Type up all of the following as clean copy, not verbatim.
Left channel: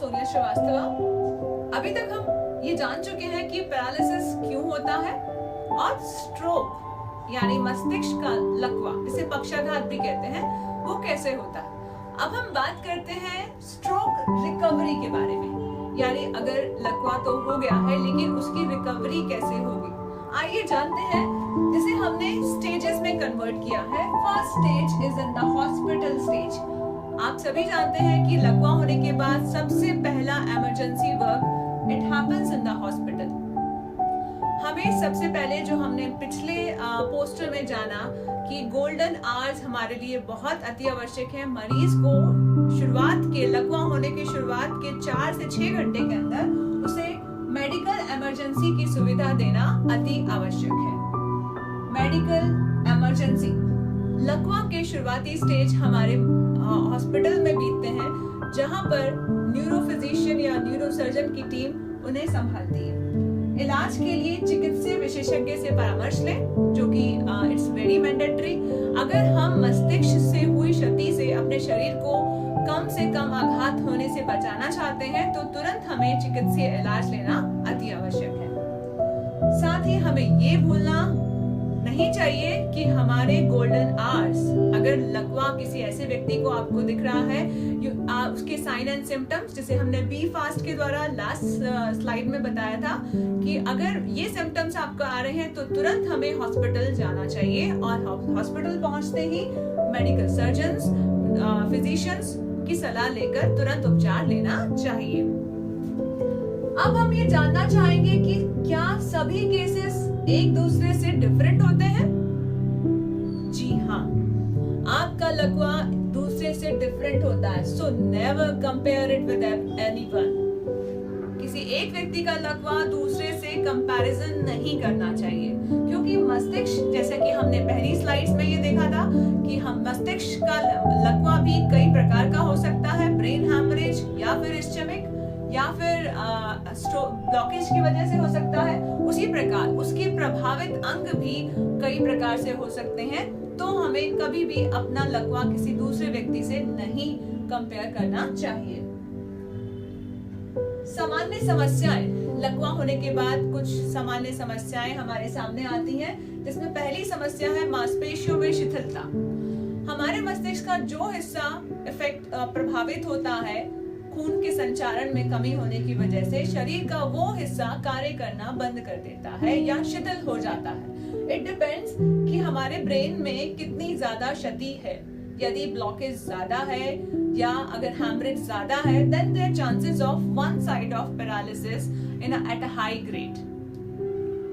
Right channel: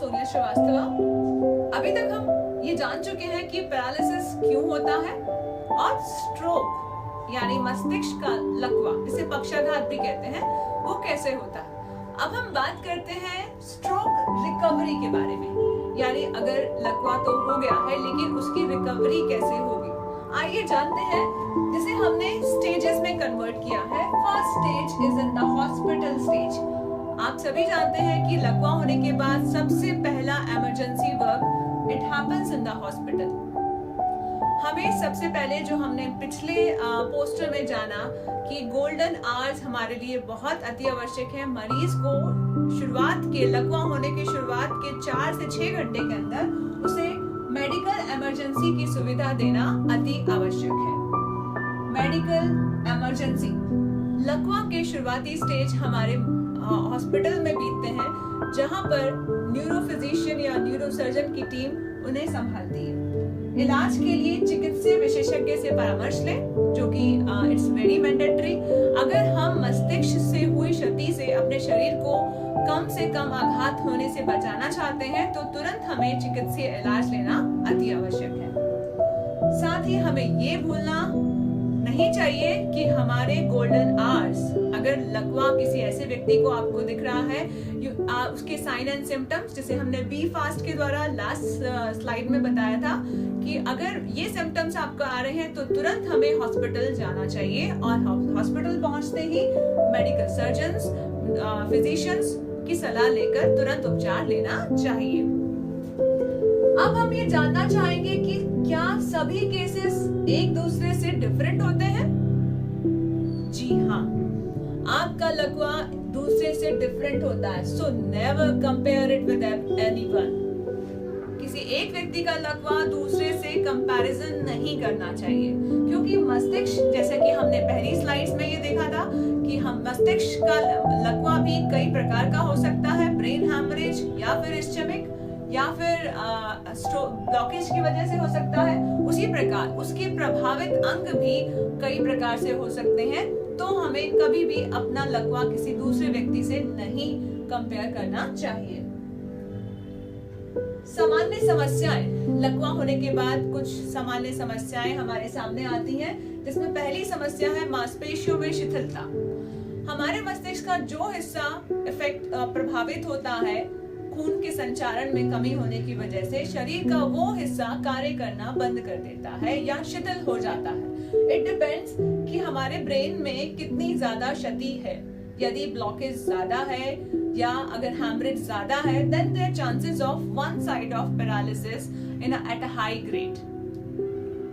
सोनिया श्रीवास्तवा। अभी तक हम ये जान चुके हैं कि पैरालिसिस क्यों होता है और स्ट्रोक यानी मस्तिष्क का लकवा, जिसे पक्षाघात भी कहते हैं, वो कैसे होता है। अब हम बात करते हैं स्ट्रोक रिकवरी के बारे में, यानी अगर लकवा तो हो गया है लेकिन उसकी रिकवरी कैसे होगी। आइए जानते हैं, जिसे हमने स्टेजेस में कन्वर्ट किया है। First stage is in the hospital stage. आप सभी जानते हैं कि लकवा होने के बाद सबसे पहला emergency work it happens in the hospital. हमें सबसे पहले जो हमने पिछले पोस्टर में जाना कि गोल्डन आवर्स हमारे लिए बहुत अति आवश्यक है। मरीज को शुरुआत के लकवा होने के शुरुआत के 4 से 6 घंटे के अंदर उसे मेडिकल इमरजेंसी की सुविधा देना अति आवश्यक है। मेडिकल इमरजेंसी लकवा के शुरुआती स्टेज हमारे हॉस्पिटल में बीतते हैं, जहां पर न्यूरोफिजिशियन या न्यूरोसर्जन की टीम उन्हें संभालती है। इलाज के लिए चिकित्सीय विशेषज्ञ से परामर्श लें, जो कि इट्स वेरी मैंडेटरी। अगर हम मस्तिष्क से हुई क्षति से अपने शरीर को कम से कम आघात होने से बचाना चाहते हैं तो तुरंत हमें चिकित्सीय इलाज लेना अति आवश्यक है। साथ ही हमें ये भूलना नहीं चाहिए कि हमारे गोल्डन आवर्स, अगर लकवा किसी ऐसे व्यक्ति को आपको दिख रहा है, उसके साइन एंड सिम्टम्स, जिसे हमने बी फास्ट के द्वारा लास्ट स्लाइड में बताया था कि अगर ये सिम्टम्स आपको आ रहे हैं तो तुरंत हमें हॉस्पिटल जाना चाहिए और हॉस्पिटल पहुंचते ही मेडिकल सर्जन्स, फिजिशियंस की सलाह लेकर तुरंत उपचार लेना चाहिए। अब हम ये जानना चाहेंगे कि क्या सभी केसेस एक दूसरे से डिफरेंट होते हैं? जी हाँ, आपका लकवा दूसरे से डिफरेंट होता है। So never compare it with anyone. किसी एक व्यक्ति का लकवा दूसरे से कंपैरिजन नहीं करना चाहिए, क्योंकि मस्तिष्क, जैसे कि हमने पहली स्लाइड्स में ये देखा था कि हम मस्तिष्क का लकवा भी कई प्रकार का हो सकता है। ब्रेन हैमरेज या फिर इस्चेमिक या फिर ब्लॉकेज की वजह से हो सकता है। उसी प्रकार उसके प्रभावित अंग भी कई प्रकार से हो सकते हैं। तो हमें कभी भी अपना लकवा किसी दूसरे व्यक्ति से नहीं कंपेयर करना चाहिए। सामान्य समस्याएं, लकवा होने के बाद कुछ सामान्य समस्याएं हमारे सामने आती हैं, जिसमें पहली समस्या है मांसपेशियों में शिथिलता। हमारे मस्तिष्क का जो हिस्सा प्रभावित होता है, खून के संचारण में कमी होने की वजह से शरीर का वो हिस्सा कार्य करना बंद कर देता है या शिथिल हो जाता है। इट डिपेंड्स कि हमारे ब्रेन में कितनी ज्यादा क्षति है। यदि ब्लॉकेज ज्यादा है या अगर हैमरेज ज्यादा है, then there are chances of one side of paralysis at a high grade।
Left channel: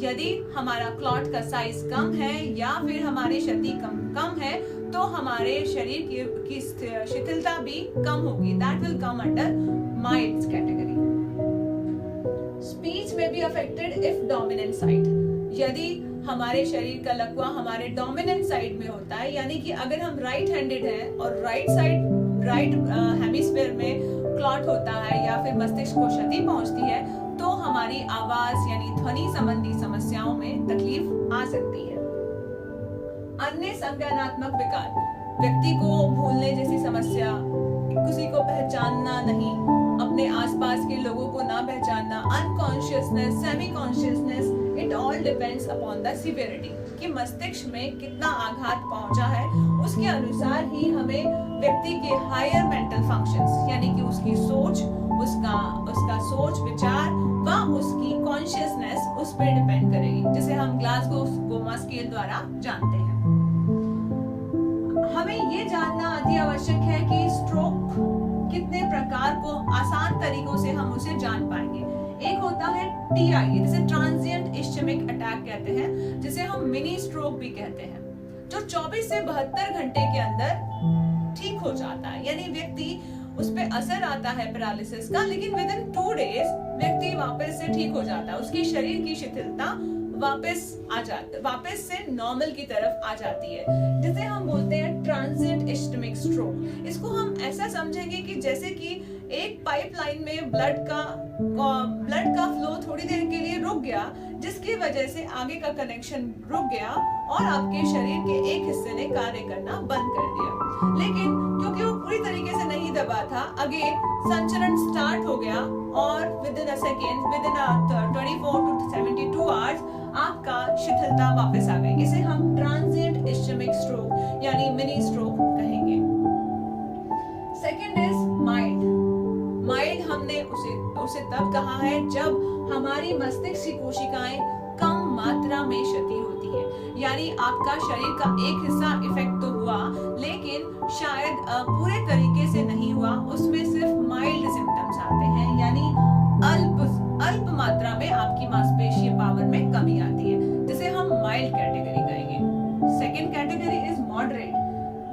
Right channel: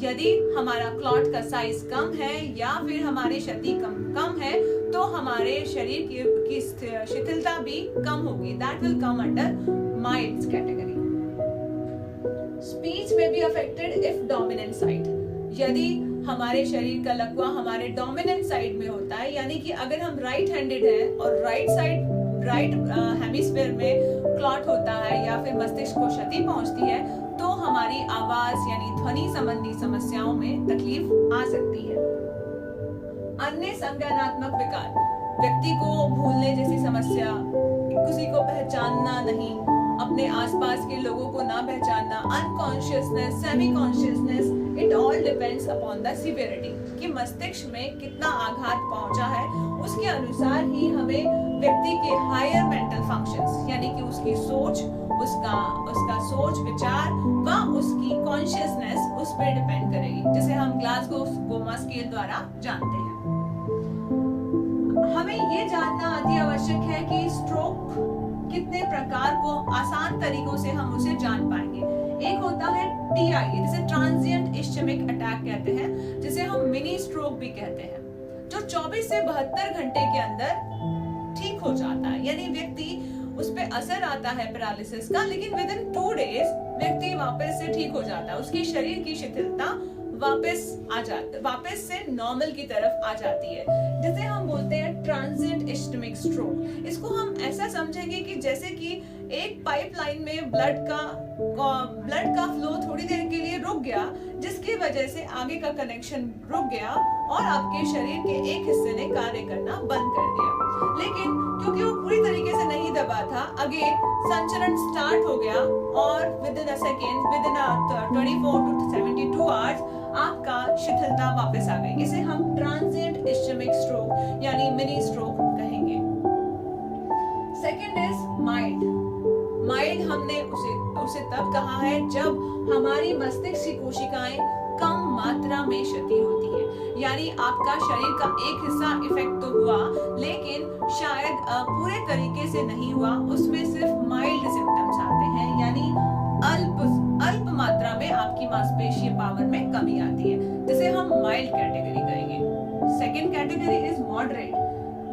यदि हमारा क्लॉट का साइज कम है या फिर हमारी क्षति कम है, तो हमारे शरीर की शिथिलता भी कम होगी। That will come under mild category। Speech में भी affected if dominant side। यदि हमारे शरीर का लकवा हमारे डोमिनेंट साइड में होता है, यानी कि अगर हम राइट हैंडेड हैं और राइट हेमिस्फीयर में क्लॉट होता है या फिर मस्तिष्क को क्षति पहुंचती है, तो हमारी आवाज यानी ध्वनि संबंधी समस्याओं में तकलीफ आ सकती है। अन्य संज्ञानात्मक विकार, व्यक्ति को भूलने जैसी समस्या, किसी को पहचानना नहीं, अपने आसपास के लोगों को ना पहचानना, unconsciousness, semi consciousness, it all depends upon the severity कि मस्तिष्क में कितना आघात पहुंचा है। उसके अनुसार ही हमें व्यक्ति के हायर मेंटल फंक्शंस, यानी कि उसकी सोच, उसका सोच विचार व उसकी कॉन्शियसनेस उस पर डिपेंड करेगी, जिसे हम ग्लासगो स्केल द्वारा जानते हैं। हमें ये जानना अति आवश्यक है कि स्ट्रोक कितने प्रकार को आसान तरीकों से हम उसे जान पाएंगे। एक होता है TIA, जिसे ट्रांजिएंट इस्चेमिक अटैक कहते हैं, जिसे हम मिनी स्ट्रोक भी कहते हैं, जो 24 से 72 घंटे के अंदर ठीक हो जाता है। यानी व्यक्ति उस पे असर आता है पैरालिसिस का, लेकिन विद इन 2 डेज व्यक्ति वापस से ठीक हो जाता है। उसकी शरीर की शिथिलता वापस से नॉर्मल की तरफ आ जाती है, जिसे हम बोलते हैं ट्रांजिएंट इस्चेमिक स्ट्रोक। इसको हम ऐसा समझेंगे कि जैसे कि एक पाइपलाइन में ब्लड का फ्लो थोड़ी देर के लिए रुक गया, जिसकी वजह से आगे का कनेक्शन रुक गया और आपके शरीर के एक हिस्से ने कार्य करना बंद कर दिया। लेकिन क्योंकि वो पूरी तरीके से नहीं नहीं दबा था, अगेन संचरण स्टार्ट हो गया और with in a second, with in 24 to 72 hours आपका शिथिलता वापस आ गई। इसे हम ट्रांजिएंट इस्चेमिक स्ट्रोक यानी मिनी स्ट्रोक कहेंगे। Second is mild. माइल्ड हमने उसे तब कहा है जब हमारी मस्तिष्क की कोशिकाएं कम मात्रा में क्षति होती है, यानी आपका शरीर का एक हिस्सा इफेक्ट तो हुआ लेकिन शायद पूरे तरीके से नहीं हुआ, उसमें सिर्फ माइल्ड सिम्टम्स आते हैं, यानी अल्प मात्रा में आपकी मांसपेशीय पावर में कमी आती है, जिसे हम माइल्ड कैटेगरी कहेंगे। सेकेंड कैटेगरी इज मॉडरेट,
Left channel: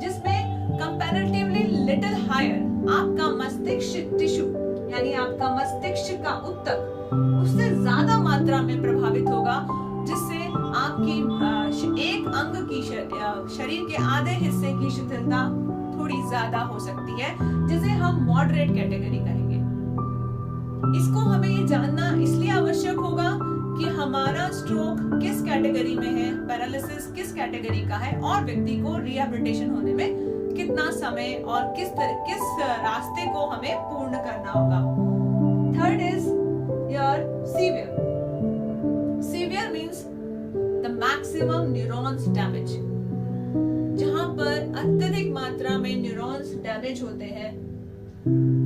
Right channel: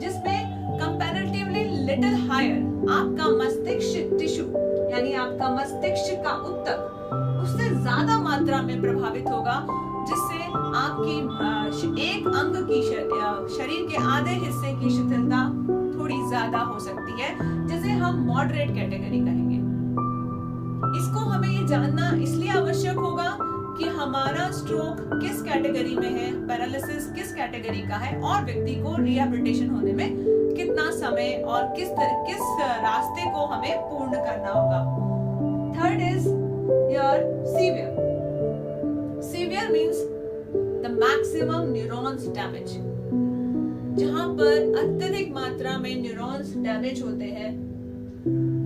जिसमें कंपैरेटिवली लिटिल हायर आपका मस्तिष्क टिश्यू यानी आपका मस्तिष्क का ऊतक उससे ज्यादा मात्रा में प्रभावित होगा, जिससे आपकी एक अंग की शरीर के आधे हिस्से की शिथिलता थोड़ी ज्यादा हो सकती है, जिसे हम मॉडरेट कैटेगरी कहेंगे। इसको हमें ये जानना इसलिए आवश्यक होगा कि हमारा स्ट्रोक किस कैटेगरी में है, पैरालिसिस किस कैटेगरी का है और व्यक्ति को रिहैबिलिटेशन होने में कितना समय और किस रास्ते को हमें पूर्ण करना होगा। Third is your severe. Severe means the maximum neurons damage, जहां पर अत्यधिक मात्रा में न्यूरॉन्स डैमेज होते हैं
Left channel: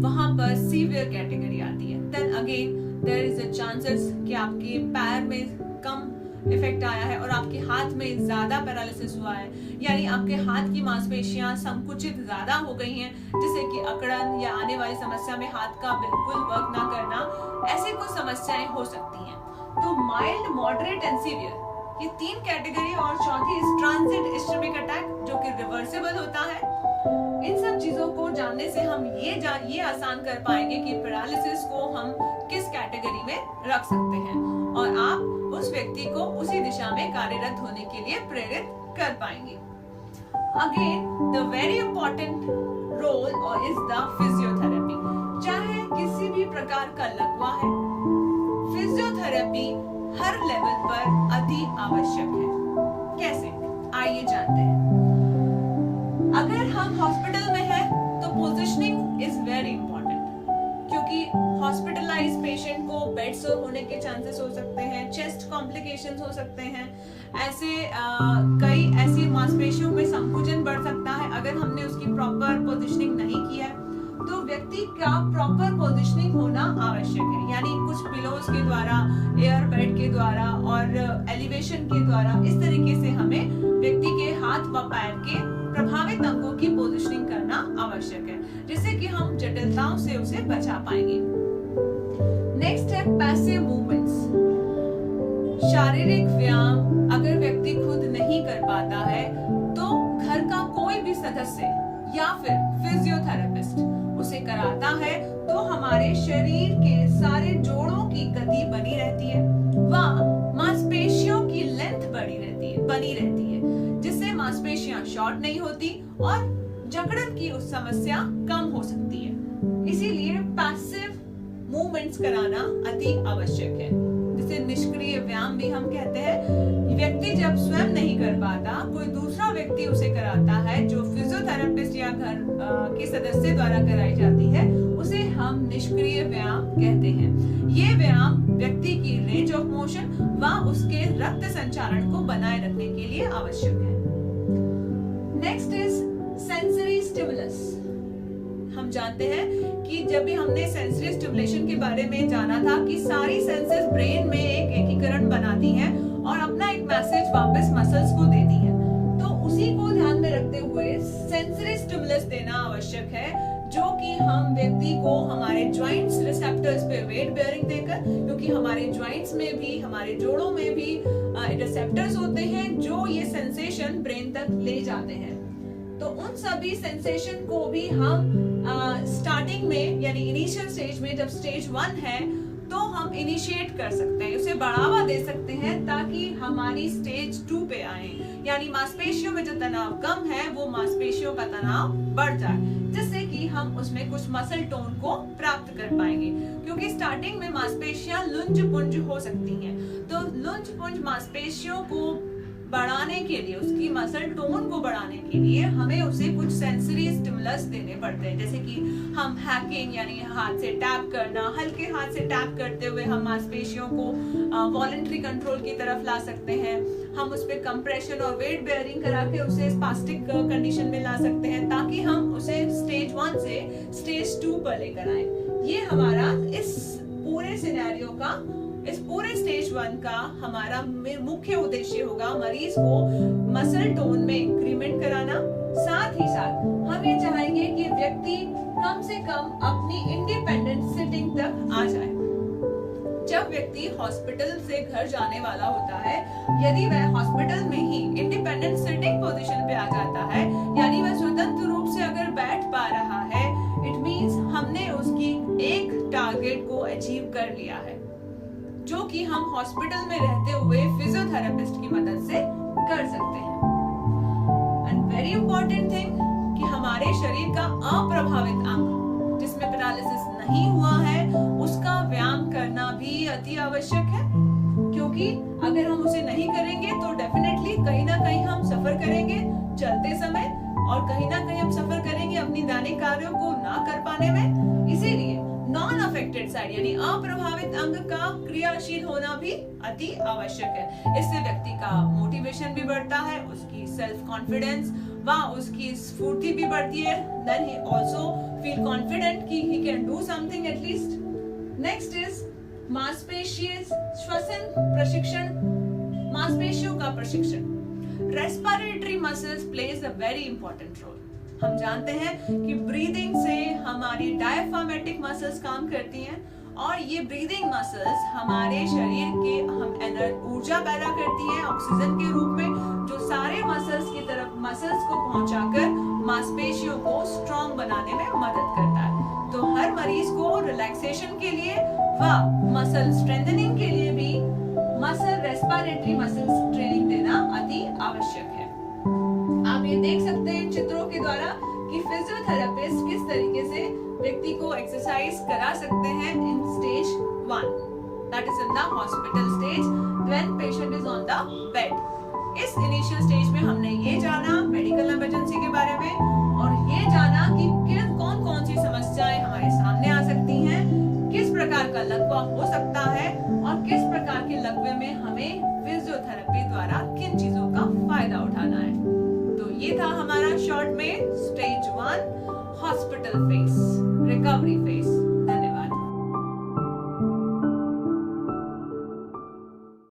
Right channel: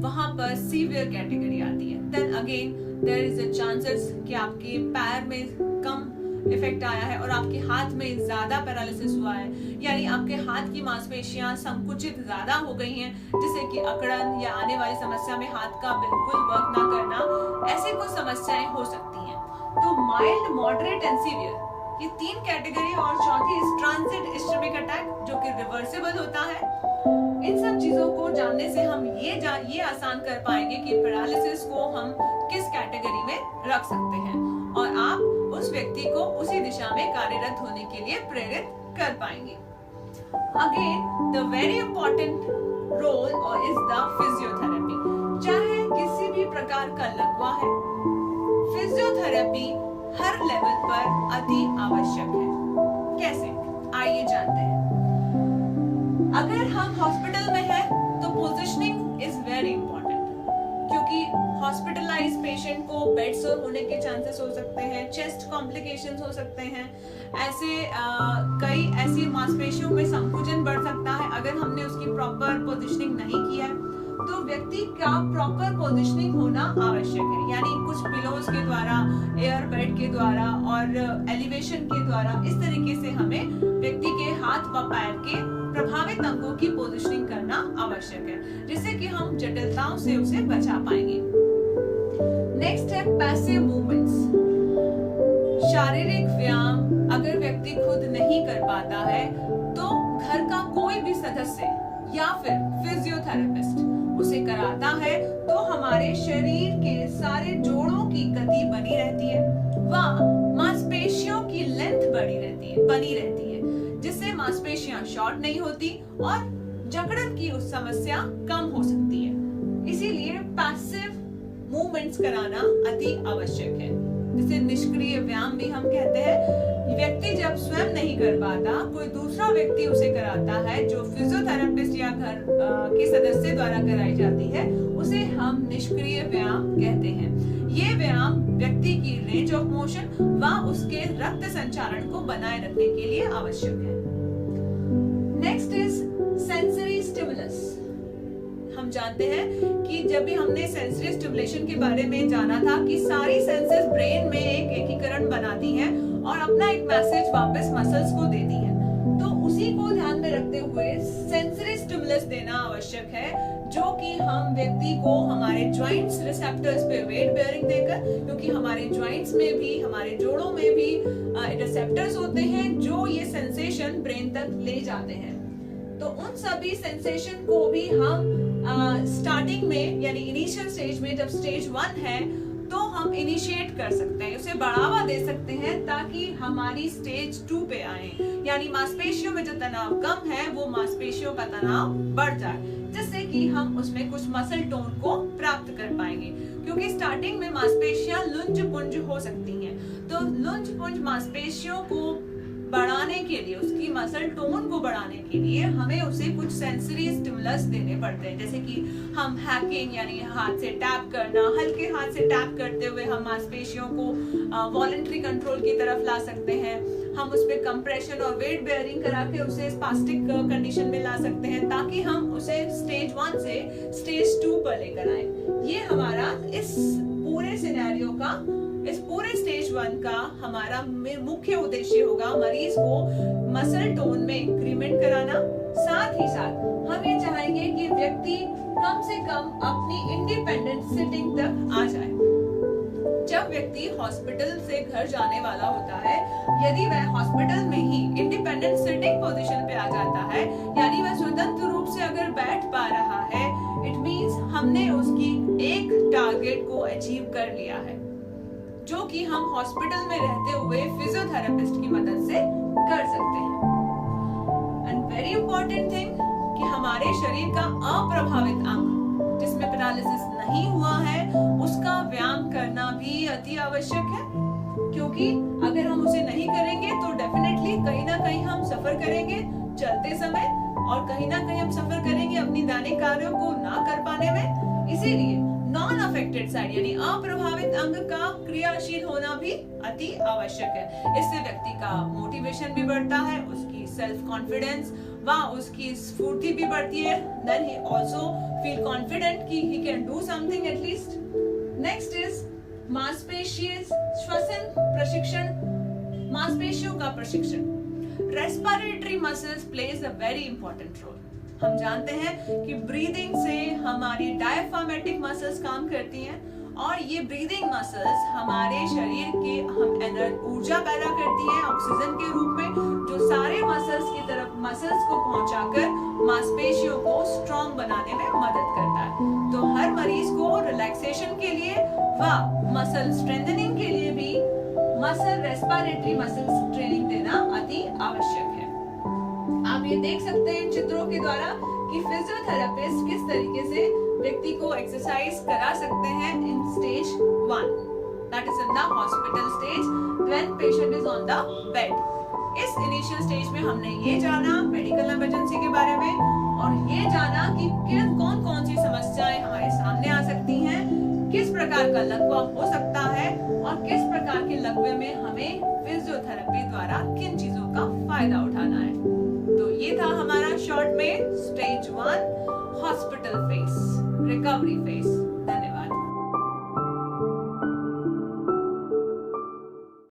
वहां पर सीवियर कैटेगरी आती है। Then again there is a chances कि आपके पैर में कम इफेक्ट आया है और आपके हाथ में ज्यादा पैरालिसिस हुआ है, यानी आपके हाथ की मांसपेशियां संकुचित ज्यादा हो गई हैं, जिससे कि अकड़न या आने वाली समस्या में हाथ का बिल्कुल वर्क ना करना, ऐसे कुछ समस्याएं हो सकती हैं। तो माइल्ड, मॉडरेट एंड सीवियर ये तीन कैटेगरी, और चौथी इज ट्रांजिएंट इस्चेमिक अटैक जो कि रिवर्सिबल होता है। इन सब चीजों को जानने से हम ये आसान कर पाएंगे कि पैरालिसिस को हम किस कैटेगरी में रख सकते हैं और आप उस व्यक्ति को उसी दिशा में कार्यरत होने के लिए प्रेरित कर पाएंगे। Again the very important role और इज द फिजियोथेरेपी। चाहे किसी भी प्रकार का लकवा है, फिजियोथेरेपी हर लेवल पर अति आवश्यक है। कैसे, आइए जानते हैं। अगर हम हॉस्पिटल में हैं तो पोजीशनिंग इज वेरी इंपॉर्टेंट, क्योंकि हॉस्पिटलाइज पेशेंट को बेड सोर होने के चांसेस हो सकते हैं, चेस्ट कॉम्प्लिकेशंस हो सकते हैं, कई ऐसी मांसपेशियों में संकुचन बढ़ सकता है अगर हमने उसकी प्रॉपर पोजीशनिंग नहीं किया है। तो व्यक्ति का प्रॉपर पोजीशनिंग होना आवश्यक है, यानी कुछ पिलोज के द्वारा, एयर बेड के द्वारा और एलिवेशन के द्वारा इस तरीके से हमें व्यक्ति के हाथ व पैर के प्रभावित अंगों की पोजीशनिंग करना आवश्यक है, जिससे कि हम जटिलताओं से उसे बचा पाएंगे। नेक्स्ट है पैसिव मूवमेंट्स। शारीरिक व्यायाम अगर व्यक्ति खुद नहीं कर पाता है तो घर का कोई भी सदस्य या फिर फिजियोथेरेपिस्ट उसे कराता है, तो हमारे शरीर के सारे जोड़ों की गति बनी रहती है व मांसपेशियों की लेंथ बनी रहती है, जिससे मांसपेशियां शॉर्ट नहीं होती और जकड़न की उस समस्या कम हो सकती है। इसीलिए पैसिव मूवमेंट्स कराना अति आवश्यक है, जिसे निष्क्रिय व्यायाम भी हम कहते हैं। व्यक्ति जब स्वयं नहीं कर पाता, कोई दूसरा व्यक्ति उसे कराता है, जो फिजियोथेरेपिस्ट या घर के सदस्य द्वारा कराई जाती है, उसे हम निष्क्रिय व्यायाम कहते हैं। ये व्यायाम व्यक्ति की रेंज ऑफ मोशन व उसके रक्त संचारण को बनाए रखने के लिए आवश्यक है। Next is sensory stimulus. हम जानते हैं कि जब भी हमने सेंसरी स्टिमुलेशन के बारे में जाना था कि सारी सेंसेस ब्रेन में एक एकीकरण बनाती हैं और अपना एक मैसेज वापस मसल्स को देती हैं, तो उसी को ध्यान में रखते हुए सेंसरी स्टिमुलस देना आवश्यक है, जो कि हम व्यक्ति को हमारे जॉइंट्स रिसेप्टर्स पे वेट बेयरिंग देकर, क्योंकि हमारे जॉइंट्स में भी, हमारे जोड़ों में भी रिसेप्टर्स होते हैं जो ये सेंसेशन ब्रेन तक ले जाते हैं। तो उन सभी सेंसेशन को भी हम स्टार्टिंग में यानी इनिशियल स्टेज में, जब स्टेज 1 है, तो हम इनिशिएट कर सकते हैं, उसे बढ़ावा दे सकते हैं ताकि हमारी स्टेज 2 पे आए, यानी मांसपेशियों में जो तनाव कम है वो मांसपेशियों का तनाव बढ़ जाए, जिससे कि हम उसमें कुछ मसल टोन को प्राप्त कर पाएंगे। क्योंकि स्टार्टिंग में मांसपेशियां लुंज पुंज हो सकती हैं, तो लुंज पुंज मांसपेशियों को बढ़ाने के लिए, उसकी मसल टोन को बढ़ाने के लिए हमें उसे कुछ सेंसरी स्टिमुलस देने पड़ते हैं, जैसे कि हम हैकिंग यानी हाथ से टैप करना, हल्के हाथ से टैप करते हुए हम मांसपेशियों को वॉलंटरी कंट्रोल की तरफ ला सकते हैं। हम उस पर कंप्रेशन और वेट बेयरिंग करा के उसे स्पास्टिक कंडीशन में ला सकते हैं, ताकि हम उसे स्टेज 1 से स्टेज 2 पर लेकर आए। ये हमारा इस पूरे सिनेरियो का, इस पूरे स्टेज 1 का हमारा मुख्य उद्देश्य होगा मरीज को मसल टोन में इंक्रीमेंट कराना। साथ ही साथ हम ये चाहेंगे कि व्यक्ति कम से कम अपनी इंडिपेंडेंट सिटिंग तक आ जाए। जब व्यक्ति हॉस्पिटल से घर जाने वाला होता है, यदि वह हॉस्पिटल में ही इंडिपेंडेंट सिटिंग पोजीशन पे आ जाता है, यानी वह स्वतंत्र रूप से अगर बैठ पा रहा है, इट मींस हमने उसकी एक टारगेट को अचीव कर लिया है, जो कि हम हॉस्पिटल में रहते हुए फिजियोथेरेपिस्ट की मदद से कर सकते हैं। एंड वेरी इंपॉर्टेंट थिंग कि हमारे शरीर का अप्रभावित अंग जिसमें पैरालिसिस नहीं हुआ है, उसका व्यायाम करना भी अति आवश्यक है, क्योंकि अगर हम उसे नहीं करेंगे तो डेफिनेटली कहीं ना कहीं हम सफर करेंगे चलते समय, और कहीं ना कहीं हम सफर करेंगे अपनी दैनिक कार्यों को ना कर पाने में। इसीलिए नॉन अफेक्टेड साइड यानी अप्रभावित अंग का क्रियाशील होना भी अति आवश्यक है। इससे व्यक्ति का मोटिवेशन भी बढ़ता है, उसकी सेल्फ कॉन्फिडेंस व उसकी स्फूर्ति भी बढ़ती है। Then he also feel confident कि he can do something at least. Next is मांसपेशीय श्वसन प्रशिक्षण, मांसपेशियों का प्रशिक्षण। Respiratory muscles plays a very important role. हम जानते हैं कि ब्रीदिंग से हमारी डायफ्रामेटिक मसल्स काम करती हैं, और ये ब्रीदिंग मसल्स हमारे शरीर के हम ऊर्जा पैदा करती हैं ऑक्सीजन के रूप में, जो सारे मसल्स की तरफ मसल्स को पहुंचाकर मांसपेशियों को स्ट्रॉन्ग बनाने में मदद करता है। तो हर मरीज को रिलैक्सेशन के लिए व मसल स्ट्रेंथनिंग के लिए भी मसल रेस्पिरेटरी मसल्स ट्रेनिंग देना अति आवश्यक है। आप ये देख सकते हैं इन चित्रों के द्वारा कि फिजियोथेरेपिस्ट किस तरीके से व्यक्ति को एक्सरसाइज करा सकते हैं in stage 1, that is in the hospital stage when patient is on the bed. इस इनिशियल स्टेज में हमने ये जाना मेडिकल इमरजेंसी के बारे में, और ये जाना कि कौन कौन सी समस्याएं हमारे सामने आ सकती हैं, किस प्रकार का लकवा हो सकता है, और किस प्रकार के लकवे में हमें फिजियोथेरेपी द्वारा किन चीजों का फायदा उठाना है। तो ये था हमारा शॉर्ट में stage 1 hospital phase, recovery phase.